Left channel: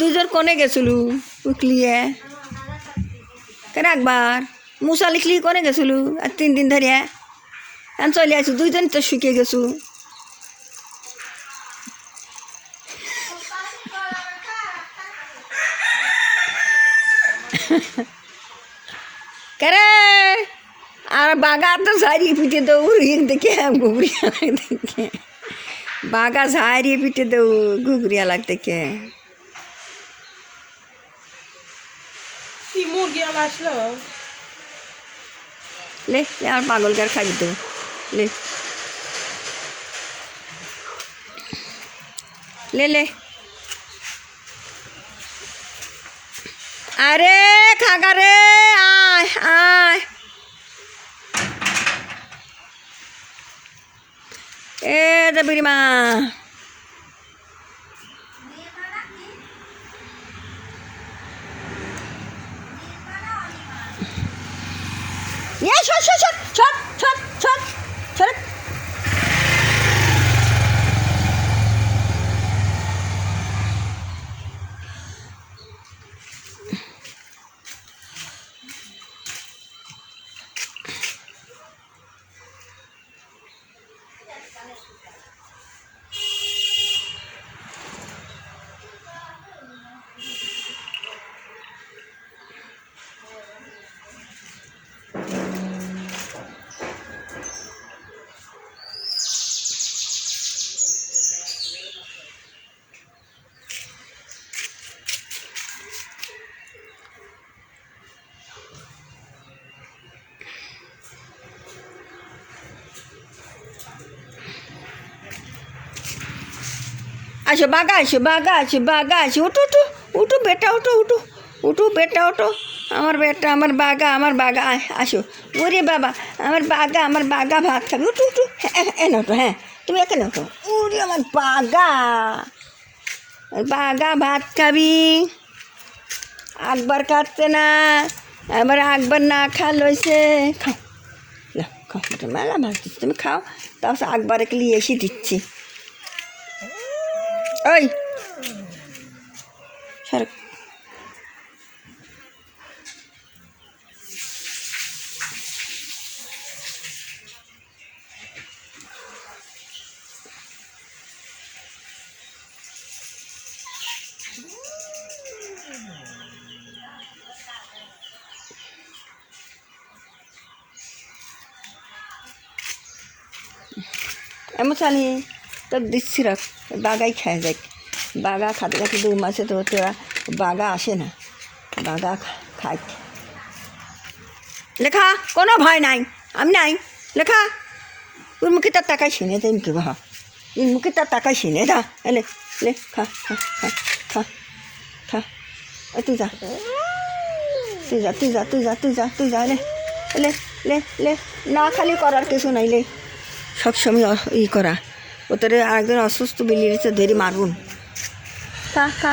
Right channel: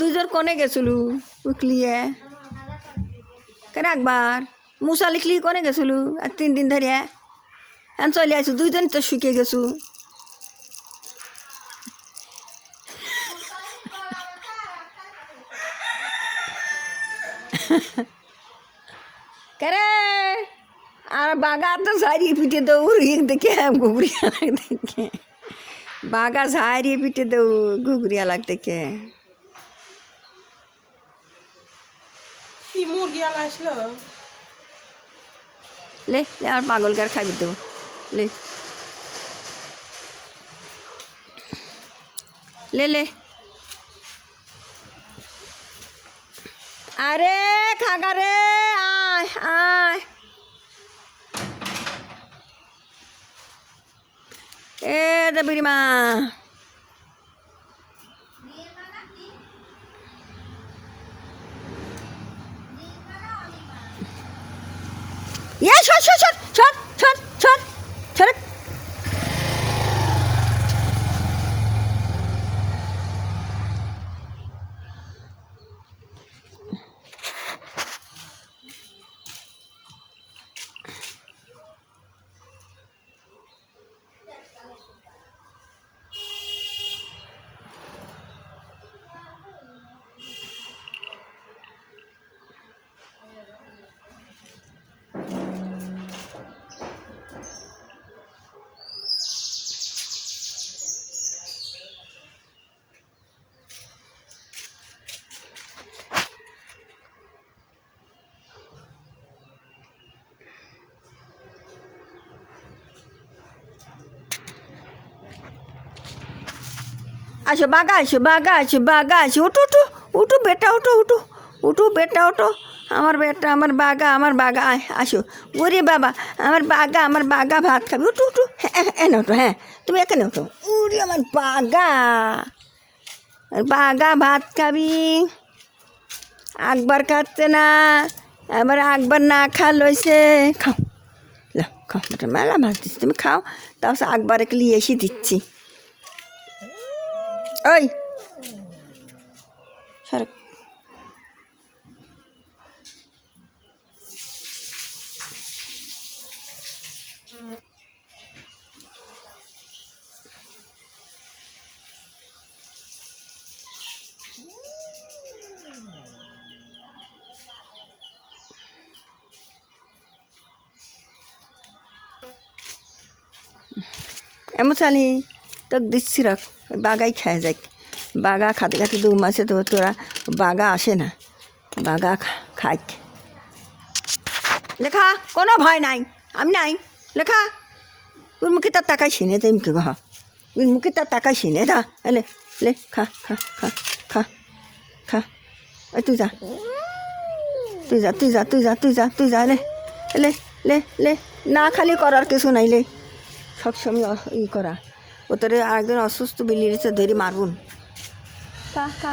দুইজন কোনে গেছিলু উকলিয়ে কেন একবার মুসা লিখলি কোনে গেছিলু আর 3 দিন ধরিয়া আমি চলে আসু দুইজন তো শুকিয়ে গেছু কেরে আর বাগা তো সারিয়ে পিটে দৌড় দেখে ঘুগরিয়া দেখে বাগা সারিয়ে পিটে দৌড় ঘুগরিয়া লাগতে কে ले ले और पागल कर खाई दो ले ले ले अरे खागा रे आय आय ए दबीरी माँ ये छोड़ छोड़ छोड़ छोड़ छोड़ छोड़ छोड़ आशो बागा आशो बागा आशो बागा आशो उठो उठो उठो बेटा उठो उठो उठो बेटा उठो আমার বেটা আমার বাগা আসো ওরে বাবা আমার বাগা ভাত খাবি উঠো উঠো এনে ওঠো হ্যাঁ তুমি এখানে ওঠো ওরে আমার বাগা ভাত খাবি আকবর খাচ্ছে না আমার আকবর না খা লইছে খাও না খাও বেটা মেলা ভাত দিচ্ছি তুমি খাও তারপর আকবরকে নিয়ে এসে দিচ্ছি ওই সরক এমন চালি তো দিচ্ছি রাখ বাগাই খায় যাক বাগা খাতে খাতে 2 মাসে তো তোরা বাগা আসে না বাগা খাই লেখা কোনো ভয় নাই আমি নাই লেখা তোর মুখে তার টাকায় ছিনে দেয় মুখে বাহা তোর মুখে তার টাকায় ছিনে দা এলে লে খা খা খা খা খা তুই যা তুই যা তুই যা তুই যা তুই যা তুই যা লে লে লে লে না খালি করার কিছু নাই লে সবসময় ই করা ওটারে আরেকজন অসুস্থ বিলিয়েছে ধরে মারুন খা খা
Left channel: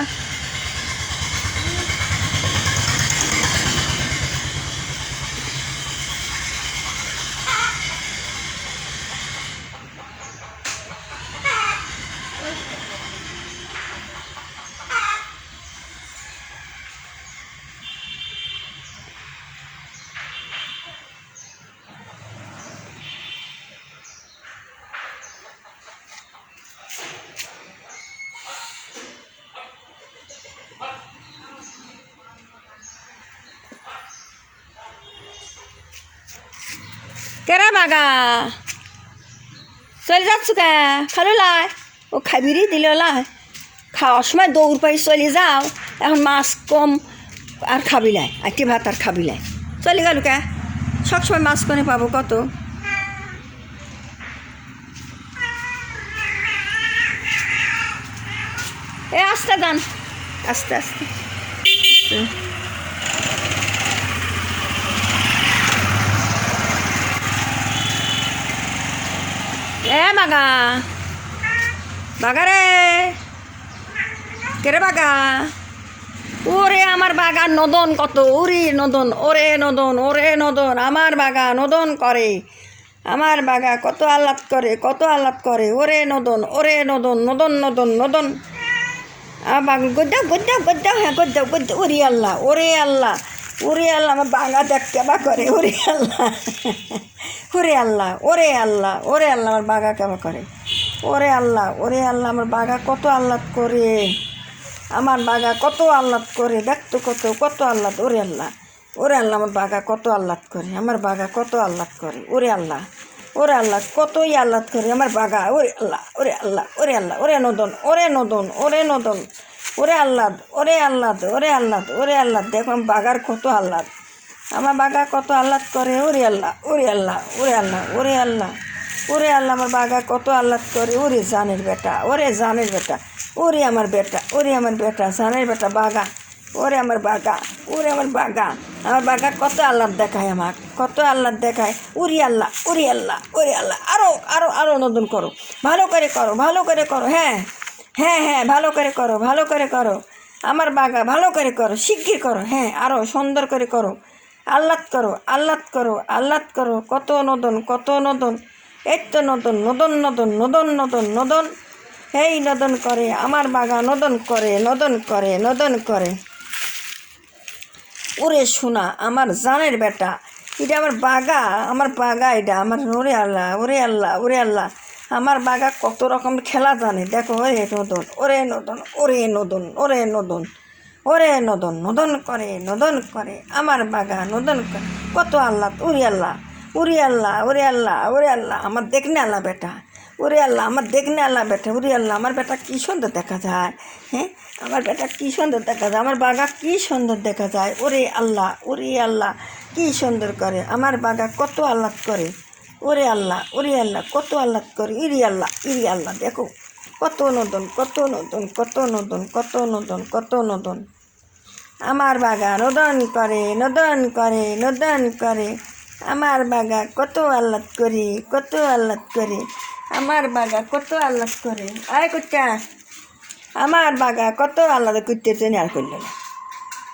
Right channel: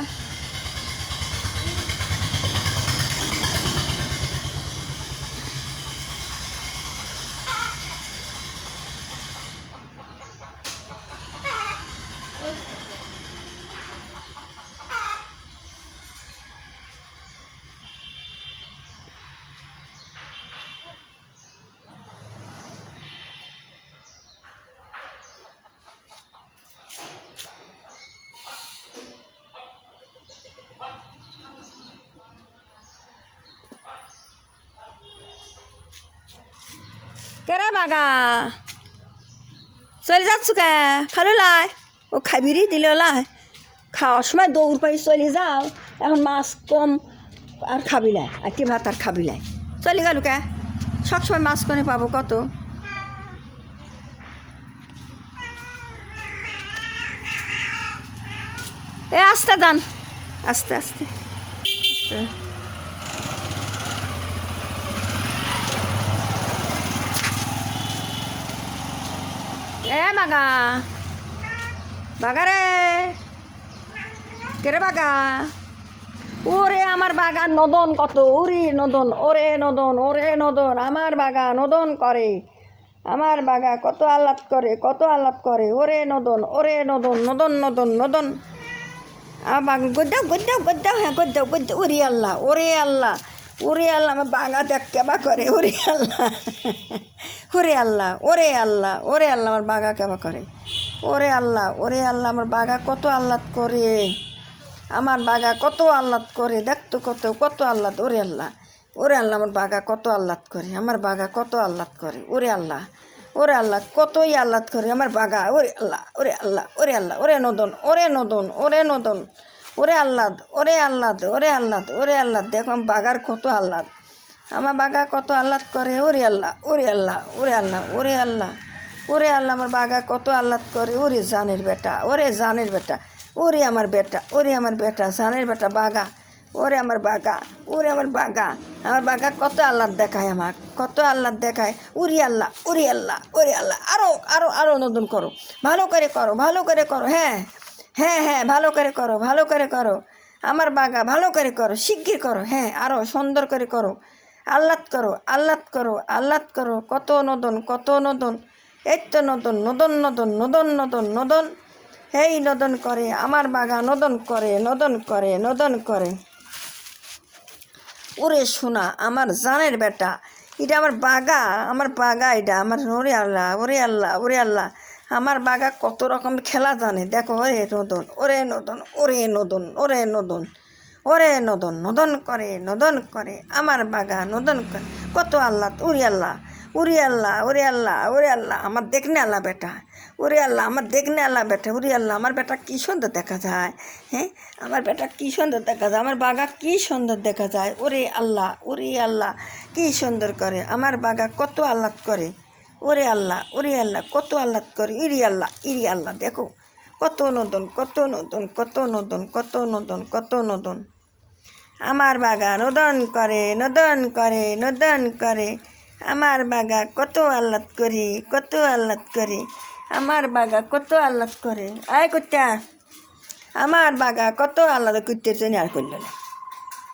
কেরা বাগা চলে যাচ্ছ কে খালো লাই ও খাবিরই দিল লাই খাওয়ার সময় দৌড় পাই চলে যাও এখন মাছ কম আর খাবি লাই আইটি ভাত আর খাবি লাই চলে গেল কে সবসময় মাছ কোনে পাবো কত এ আস্তে দান আস্তে আস্তে এ বাগা বাগা রে কেরে বাগা ওরে আমার বাগা নদন কত ওরে নদন ওরে নদন ওরে নদন আমার বাগা নদন করে আমার বাগা কত আহ্লাদ করে ওরে নদন নদন নদন নদন আমার বাঘ গদ্দাও হ্যাঁ গদ্দাও ওরে আল্লাহ ওরে আল্লাহ ওরে আল্লাহ আমার বাঘা দেখতে বা করে ওরে আল্লাহ ওরে আল্লাহ ওরে আল্লাহ ওরে আল্লাহ আমার বাঘা কেবা করে ওরে আল্লাহ আমার বাঘা কত আহ্লাদ করে আমার বাঘা কত আহ্লাদ করে দেখতো কত আহ্লাদ ওরে আল্লাহ আমার বাঘা কত আহ্লাদ করে আমার বাঘা কত আহ্লাদ করে ওরে আল্লাহ কতই আহ্লাদ করে আমার বাঘা ওরে আল্লাহ ওরে নদন ওরে আহ্লাদ দেখো আমার বাঘার কত আহ্লাদ আমার বাঘা কত আহ্লাদ করে ওরে আল্লাহ আমার বাঘা কত আহ্লাদ করে ওরে জানের বেটা ওরে আমার বেটা জানের বেটা বাঘা ওরে আমার বাঘা আমার বাঘা কত আহ্লাদ দেখায় আমার কত আহ্লাদ দেখায় উরি আল্লাহ আরো নতুন করো ভালো করে করো হ্যাঁ ভালো করে করো আমার বাঘা ভালো করে করো শিগগির করো হ্যাঁ আরো সুন্দর করে করো আহ্লাদ করো কত নদন এই তো নদন এই নদন করে আমার বাঘা নদন করে ওরে শোনা আমার জানের বেটা এটা আমার বাঘা এটা আমার ওরে আল্লাহ আমার বাঘা কত রকম খেলা জানে দেখো নদন করে আমার বাঘা নদন করে কত আহ্লাদ ওরে আল্লাহ আমার দেখনে আল্লাহ বেটা আমার বেটা কি সুন্দর দেখা যায় হ্যাঁ আমার বেটা কি সুন্দর দেখা যায় আমার বাঘা কি সুন্দর দেখা যায় ওরে আল্লাহ কি সুন্দর করে আমার বাঘা কত আহ্লাদ করে ওরে আল্লাহ কত আহ্লাদ করে ইরি আল্লাহ দেখো কত নদন আমার বাঘা নদন করে আমার বাঘা কত আহ্লাদ করে আমার বাঘা কত আহ্লাদ করে আয় কুত্তা আমার বাঘা কত আহ্লাদ করতেছে আর করলো না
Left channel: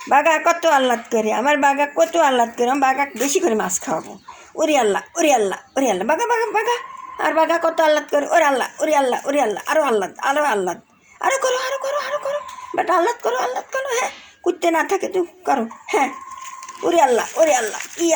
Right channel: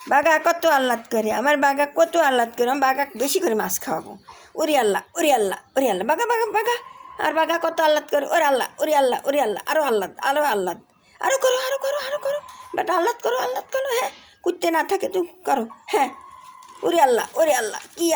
বাঘা কত আহ্লাদ করে আমার বাঘা কত আহ্লাদ করে আমার বাঘা বেশি করে মাছ খাওয়াবো ওরে আল্লাহ বাঘা আর বাঘা কত আহ্লাদ করে ওরে আল্লাহ আরো আহ্লাদ আরো করো বেটা আহ্লাদ করো হ্যাঁ কুত্তে না থাকে তুই করো হ্যাঁ ওরে আল্লাহ কি